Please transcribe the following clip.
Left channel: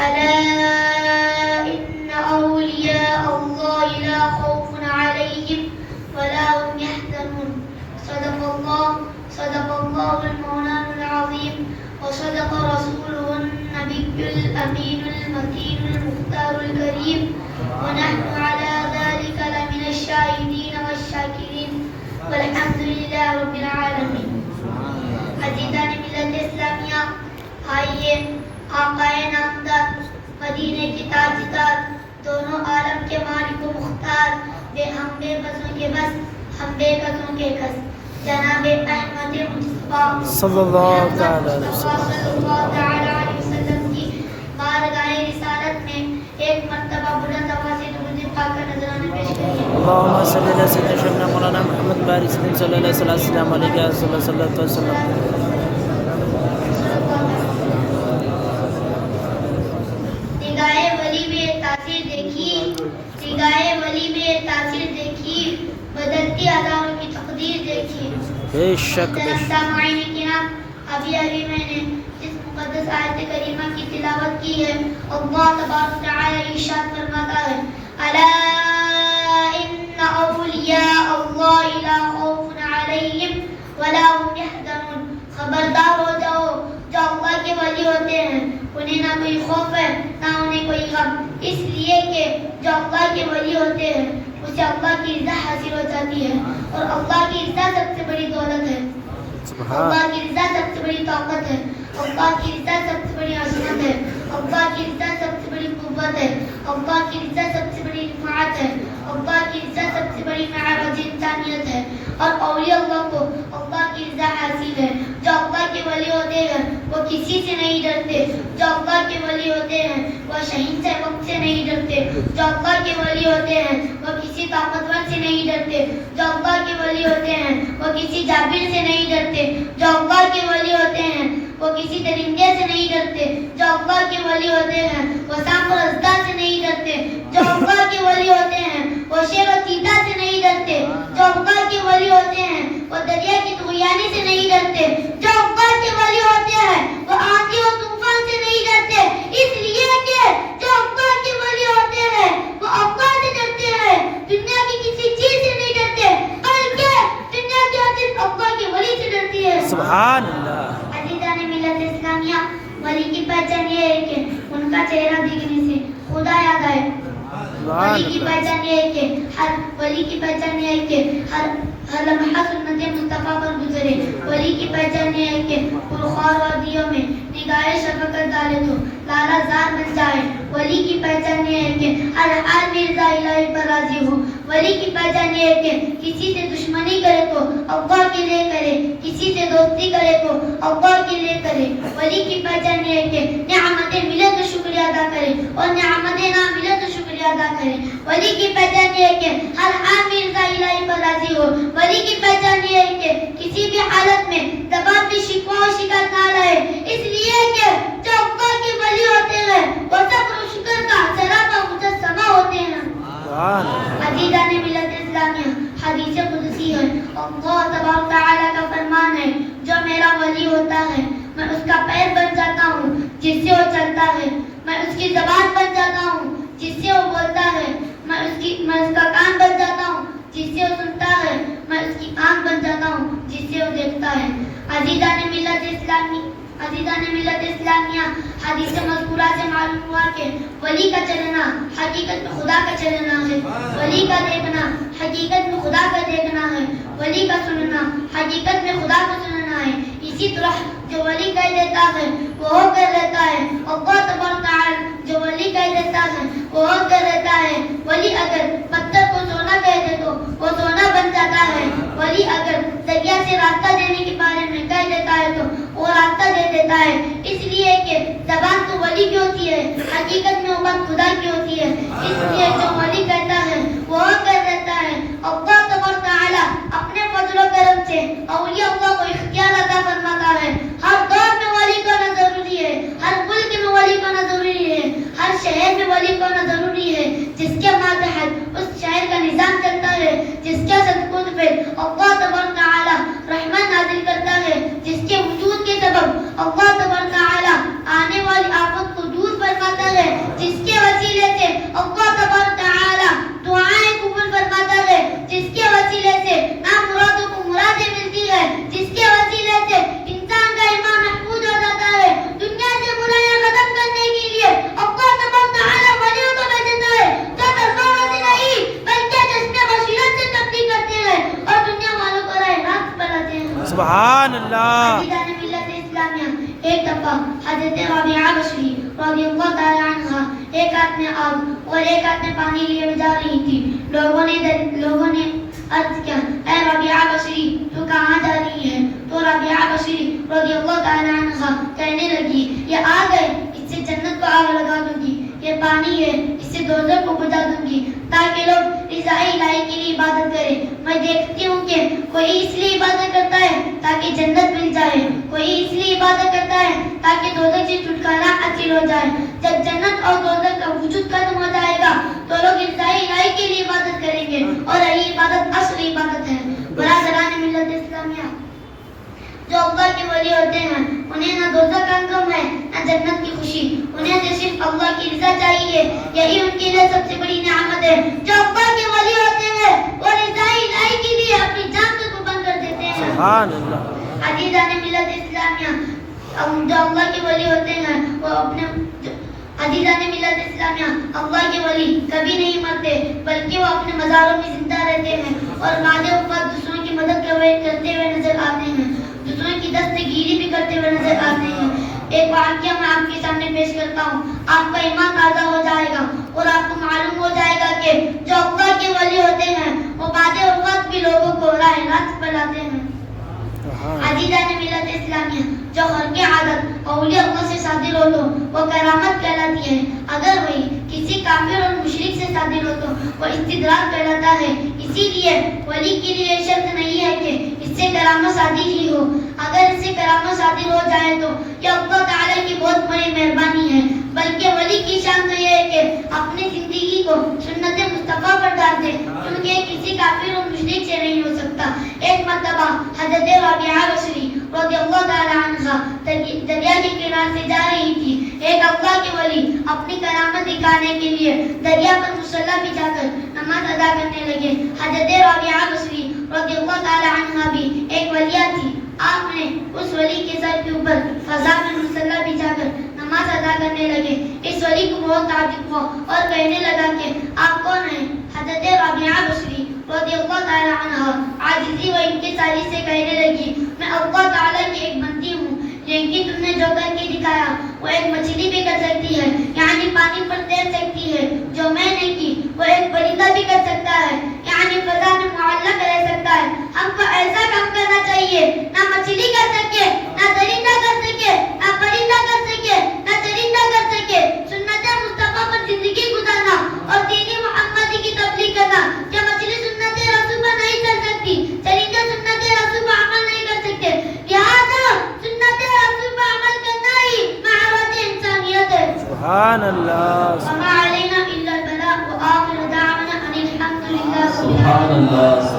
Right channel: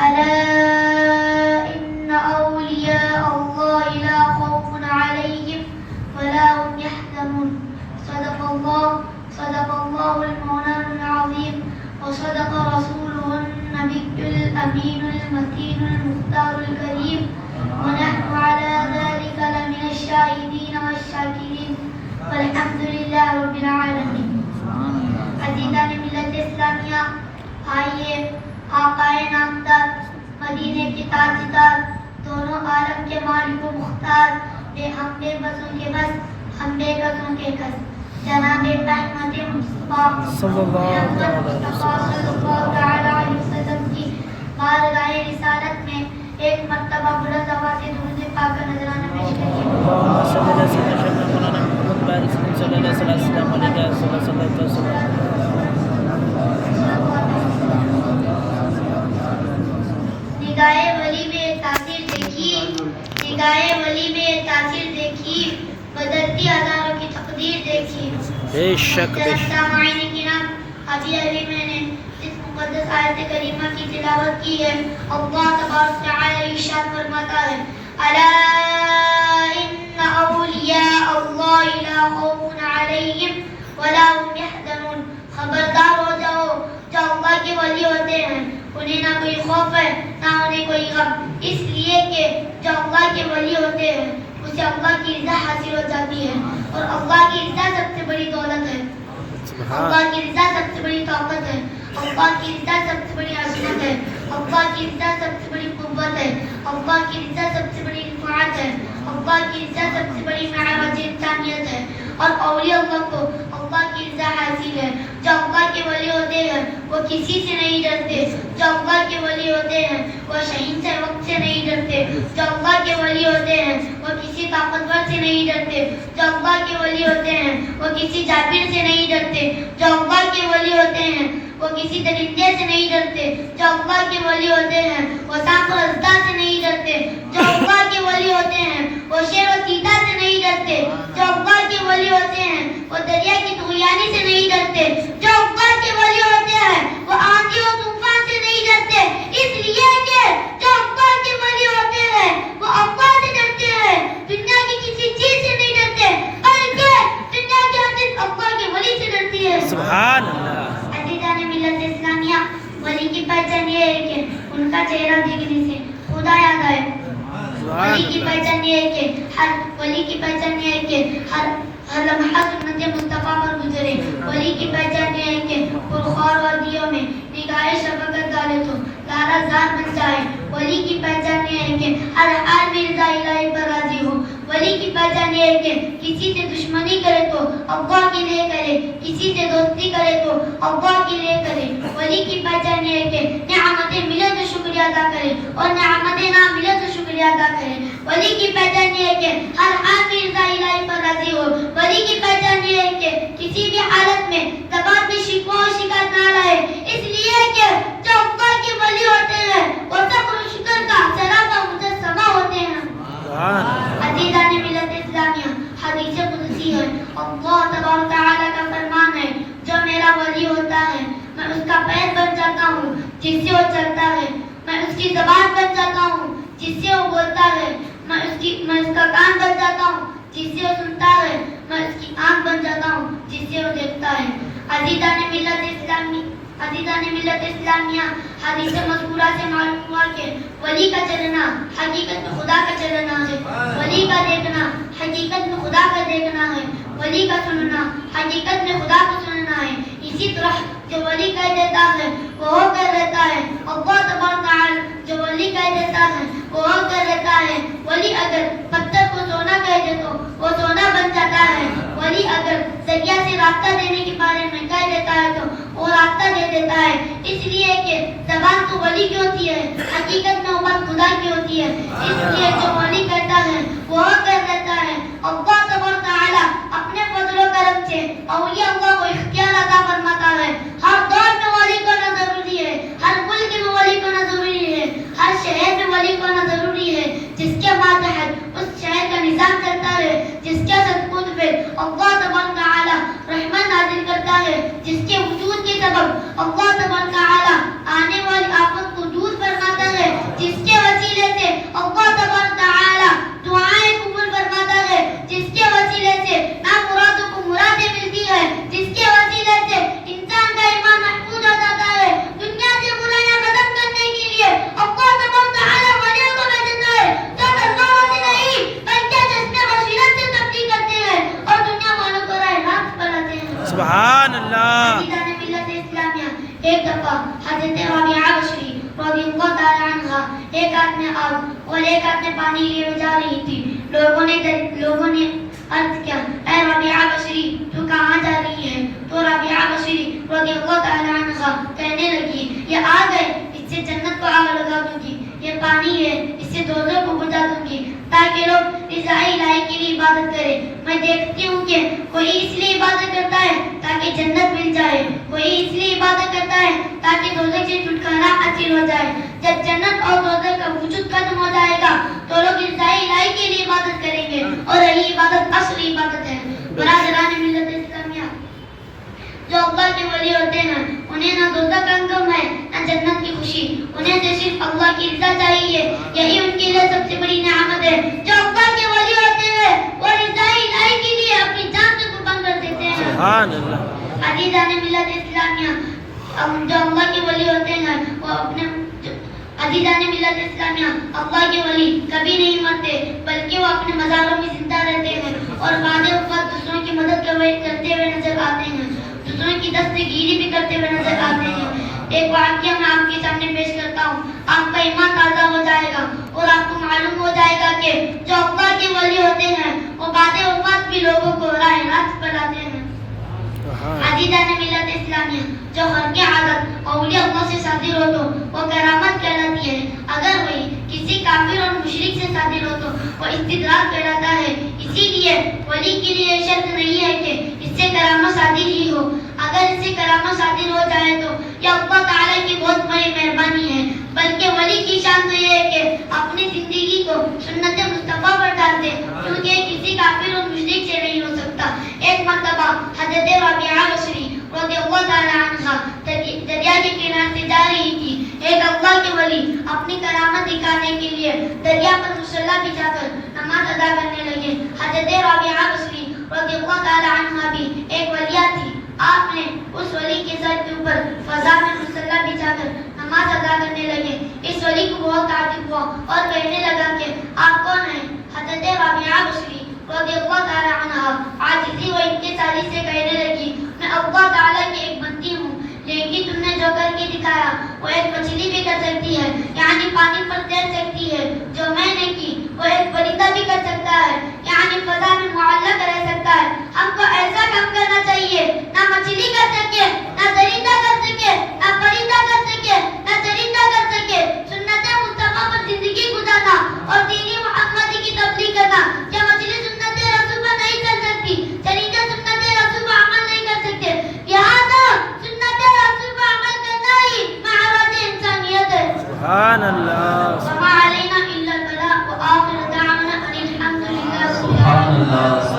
ألا إن أولياء الله لا خوف عليهم ولا هم يحزنون. صدق الله المولان العظيم وصدق رسوله النبي الأمين المتين المختار الكريم ونحن على ذلك لمن الشاهدين والشاكرين والحمد لله رب العالمين. عزیزان ملت اسلامیہ، آئیے آقائے نامدار، مدینے کی تاجدار، دونوں عالم کے مالک و مختار، بے ہم بے بسوں کے بس، ہم بے بسوں کے کس، جناب احمد مصطفیٰ صلی اللہ علیہ وسلم کی بارگاہ رسالت میں ایک مرتبہ بلند آواز سے درود پاک کا نذرانہ پیش کریے. اللہم صلی علی سیدنا مولانا محمد بارک صلی اللہ علیہ وسلم علیہ وسلم. نگاہ ولی میں تاثیر دیکھی، بدلتی ہزاروں کی تقدیر دیکھی. بے شک سامعین کرام، ابھی میں نے اس مقدس آیت کریمہ کی تلاوت کی ہے. اللہ تبارک و تعالی ارشاد فرماتا ہے الا ان اولیاء اللہ لا خوف علیہم ولا هم يحزنون. خبردار ہو جاؤ، جو اللہ کے ولی ہوتے ہیں انہیں نہ کوئی خوف ہے نہ انہیں کوئی غم، اس لیے کہ جو اللہ کے ولی ہوتے ہیں اسے اللہ کی رضا حاصل ہو جاتی ہے، اور اللہ کی رضا سب سے بڑی دولت ہے، اللہ کی رضا سب سے بڑی طاقت ہے، اللہ کی رضا سب سے بڑی عظمت ہے، اللہ کی رضا سب سے بڑی قوت ہے، اللہ کی رضا سب سے بڑی رفعت ہے، اللہ کی رضا سب سے بڑی معراج انسانیت ہے. اور اولیاء اللہ کو اللہ کی رضا حاصل ہے. جو اللہ کے ولی ہوتے ہیں وہ کسی سے نہیں ڈرتے، جو اللہ کے ولی ہوتے ہیں وہ شہین سے وقت سے نہیں ڈرتے، جو اللہ کے ولی ہوتے ہیں وہ کسی طاقتور سے نہیں ڈرتے، جو اللہ کے ولی ہوتے ہیں وہ کسی جابر سے نہیں ڈرتے، جو اللہ کے ولی ہوتے ہیں وہ کسی درندے سے نہیں ڈرتے، جو اللہ کے ولی ہوتے ہیں وہ سانپ و اژدہا سے نہیں ڈرتے، جو اللہ کے ولی ہوتے ہیں وہ شیر و چیتا سے نہیں ڈرتے، جو اللہ کے ولی ہوتے ہیں وہ دریا کی طغیانی سے نہیں ڈرتے، جو اللہ کے ولی ہوتے ہیں وہ آندھی و طوفان سے نہیں ڈرتے، اس لیے کہ جو اللہ کے ولی ہوتے ہیں وہ اللہ سے ڈرتے ہیں، دنیا کی کسی چیز سے نہیں ڈرتے، بلکہ دنیا کی ہر چیز اللہ کے ولی سے ڈرتی ہے. سبحان اللہ. عزیزان ملت اسلامیہ، ولی کی پہچان یہ ہے کہ ان کا چہرہ دیکھنے سے خدا یاد آئے. ولی کی پہچان یہ ہے کہ ولی کی پہچان یہ ہے کہ ہر لمحہ سنت مصطفیٰ پر گزرے. ولی کی پہچان یہ ہے کہ پرخور وادیوں میں نگاہ شفقت ڈالے تو لالا زار بن جائے. ولی کی پہچان یہ ہے کہ ہر حال میں رضا الہی پر راضی ہو. ولی کی پہچان یہ ہے کہ کسی سے دشمنی کرے تو اللہ کے لیے کرے، کسی سے دوستی کرے تو اللہ کے لیے کرے. ولی کی پہچان یہ ہے کہ نعمتیں ملے تو شکریہ ادا کرے اور نعمتیں نہ ملے تو شکریہ ادا کرے. ولی کی پہچان یہ ہے کہ ہر حال میں رضا الہی پر راضی ہو. ولی کی پہچان یہ ہے کہ کسی بھی حالت میں زبان میں شکوہ و شکایت نہ لائے، اس لیے کہ جو اللہ کے ولی ہوتے ہیں وہ صبر و شکر کا سراپا مجسمہ ہوتے ہیں. عزیزان ملت اسلامیہ، حدیث قدسی ہے، اللہ تبارک تعالیٰ کا فرمان ہے جو میرا ولی ہوتا ہے میں اس کا پیر بن جاتا ہوں جس سے وہ چلتا ہے، میں اس کی زبان بن جاتا ہوں جس سے وہ بولتا ہے، میں اس کا کان بن جاتا ہوں جس سے وہ سنتا ہے، میں اس کی آنکھ بن جاتا ہوں جس سے وہ دیکھتا ہے. عزیزان ملت اسلامیہ، حدیث مذکورہ سے معلوم ہوا کہ ولی کا چلنا حقیقت میں خدا کا چلنا ہے، ولی کا دیکھنا حقیقت میں خدا کا دیکھنا ہے، ولی کا سننا حقیقت میں خدا کو سننا ہے. اسی طرح جو ولی کہہ دیتا ہے وہ ہو کر رہتا ہے، اللہ تبارک تعالی جو ولی کہہ دیتا ہے وہ ہو کر رہتا ہے. ولی اگر پتھر کو سونا کہہ دے تو وہ سونا بن جاتا ہے. ولی اگر دریا سے راستہ دینے کے بارے میں کہہ دیتا ہے تو وہ راستہ دے دیتا ہے. اس لیے کہ زبان تو ولی کی ہوتی ہے، حقیقت میں وہ بات خدا کی ہوتی ہے. اس لیے جو ولی کہتا ہے وہ ہو کر رہتا ہے. اللہ تبارک تعالی اپنے فضل و کرم سے اولیاء اللہ کو اختیار عطا فرماتا ہے. ہر دور میں ولی کو ہونا ضروری ہے، ہر ملک میں ولی کو ہونا ضروری ہے، ہر شہر میں ولی کو ہونا ضروری ہے. جس کے ماتحت اس شہر کا نظام چلتا ہے، جس کے صدقوں پہ اللہ تبارک تعالی رحمت نازل کرتا ہے، جس کے وجود کے سبب اللہ تبارک تعالی آنے والی آفت کو دور فرماتا ہے. سبحان اللہ. عزیزان ملت اسلامیہ، ایک دفعہ حضرت رابعہ بصری رضی اللہ تعالی عنہ ایک ہاتھ میں آگ اور ایک ہاتھ میں پانی لیے جا رہی تھی. لوگوں نے عرض کیا، اے رابعہ بصری تو کہاں جا رہی ہے؟ تو رابعہ بصری رضی اللہ تعالی عنہ کہنے لگی، یہ آگ ہے، اس سے جنت کو آگ لگا دوں گی. یہ پانی ہے، اس سے دوزخ کو بجھا دوں گی تاکہ لوگ رضا الہی کے لیے عبادت کریں. میں دیکھتی ہوں کہ کوئی اس لیے عبادت کرتا ہے تاکہ جنت مل جائے، کوئی اس لیے عبادت کرتا ہے تاکہ دوزخ سے چھٹکارا حاصل ہو جائے. جب جنت اور دوزخ کا وجود ختم ہو جائے گا تو لوگ رضا الہی کے لیے عبادت کریں گے، اور یہی عبادت اصلی عبادت ہے. برادران ملت اسلامیہ، جو اللہ کے ولی ہوتے ہیں انہیں نہ دوزخ کا غم ہے نہ جنت کی خوشی، انہیں تو صرف اللہ کی رضا چاہیے. یہی ان کے لیے سب سے بڑی نعمت ہے. جو اللہ کے ولی ہوتے ہیں وہ رضا الہی کے لیے اپنی جان کو قربان کر دیتے ہیں. سبحان اللہ. عزیزان ملت اسلامیہ، جو اللہ کے ولی ہوتے ہیں وہ عزیزان ملت اسلامیہ، اللہ کے ولی کبھی نہیں مرتے بلکہ وہ اپنے مزاروں میں زندہ رہتے ہیں اور بعد وفات دوسروں کی مدد کرتے ہوئے نظر آتے ہیں، دوسروں کی دستگیری بھی کرتے ہوئے نظر آتے ہیں. ایک واقعہ میں آپ کے سامنے پیش کرتا ہوں. آپ کا ایمان تازہ ہو جائے گا اور آپ کو معلوم ہو جائے گا کہ جو اللہ کے ولی ہوتے ہیں وہ بعد وفات بھی لوگوں کو راہ راست پلاتے ہیں. عزیزان ملت اسلامیہ، جو ہر کی عادت اولیاء اللہ سے صادر ہو تو وہ کرامت کہلاتی ہے. اگر وہی کسی کافر اور مشرک سے صادر ہو تو وہ استدراج کہلاتا ہے. اسی لیے ولی کے لیے شرط نہیں ہے کہ اس سے کرامت صادر ہی ہو. اگر اس سے کرامت صادر ہو جائے تو یہ اللہ تعالی کی بہت بڑی مہربانی ہے، بلکہ ولی کی شان تو یہ ہے کہ اپنی زندگی کو سنت مصطفیٰ پر ڈال دے، کیونکہ کسی کافر اور مشرک سے نہیں ہو سکتا. ایک مرتبہ حضرت رابعہ بصری رضی اللہ تعالی عنہ دریا کے کنارے سے جا رہی تھی. ایک اللہ کے ولی اپنی کرامت دکھانے کے لیے دریا پر مصلی بچھا کر نماز ادا کرنے لگے. حضرت رابعہ بصری رضی اللہ تعالی عنہ بھی ایک ولیہ تھی. آپ نے اس ولی کے سر کے اوپر فضا میں مصلی بچھا کر نماز ادا کرنے لگے. اس ولی کو بہت تعجب ہوا اور کہنے لگا کہ آپ کون ہیں؟ حضرت رابعہ بصری رضی اللہ تعالی عنہ عاجزی و انکساری سے کہنے لگی، میں اللہ تعالی کی ایک بندی ہوں، لیکن تم نے جو کر کے دکھایا وہ ایک مچھلی بھی کر سکتی ہے، یعنی پانی پر تیر سکتی ہے. جو میں نے کی وہ ایک پرندہ بھی کر سکتا ہے، یعنی فضا میں معلق رہ سکتا ہے. ہم کو ایسا کام کرنا چاہیے، نہ مچھلی کر سکے، نہ درندہ کر سکے، نہ پرندہ کر سکے، نہ چرندہ کر سکے. سنت مصطفیٰ پر زندگی گزارنا اور دین محمدی کی تبلیغ کرنا. کیا مچھلی سنت رسول پر نہیں چل سکتی؟ چرندہ سنت رسول پر عمل نہیں کر سکتے؟ لہذا سنت رسول پر عمل کرنا ہی معراج انسانیت ہے. سبحان اللہ. وما علینا الا البلاغ وآخر دعوانا ان الحمد للہ. سبحان اللہ.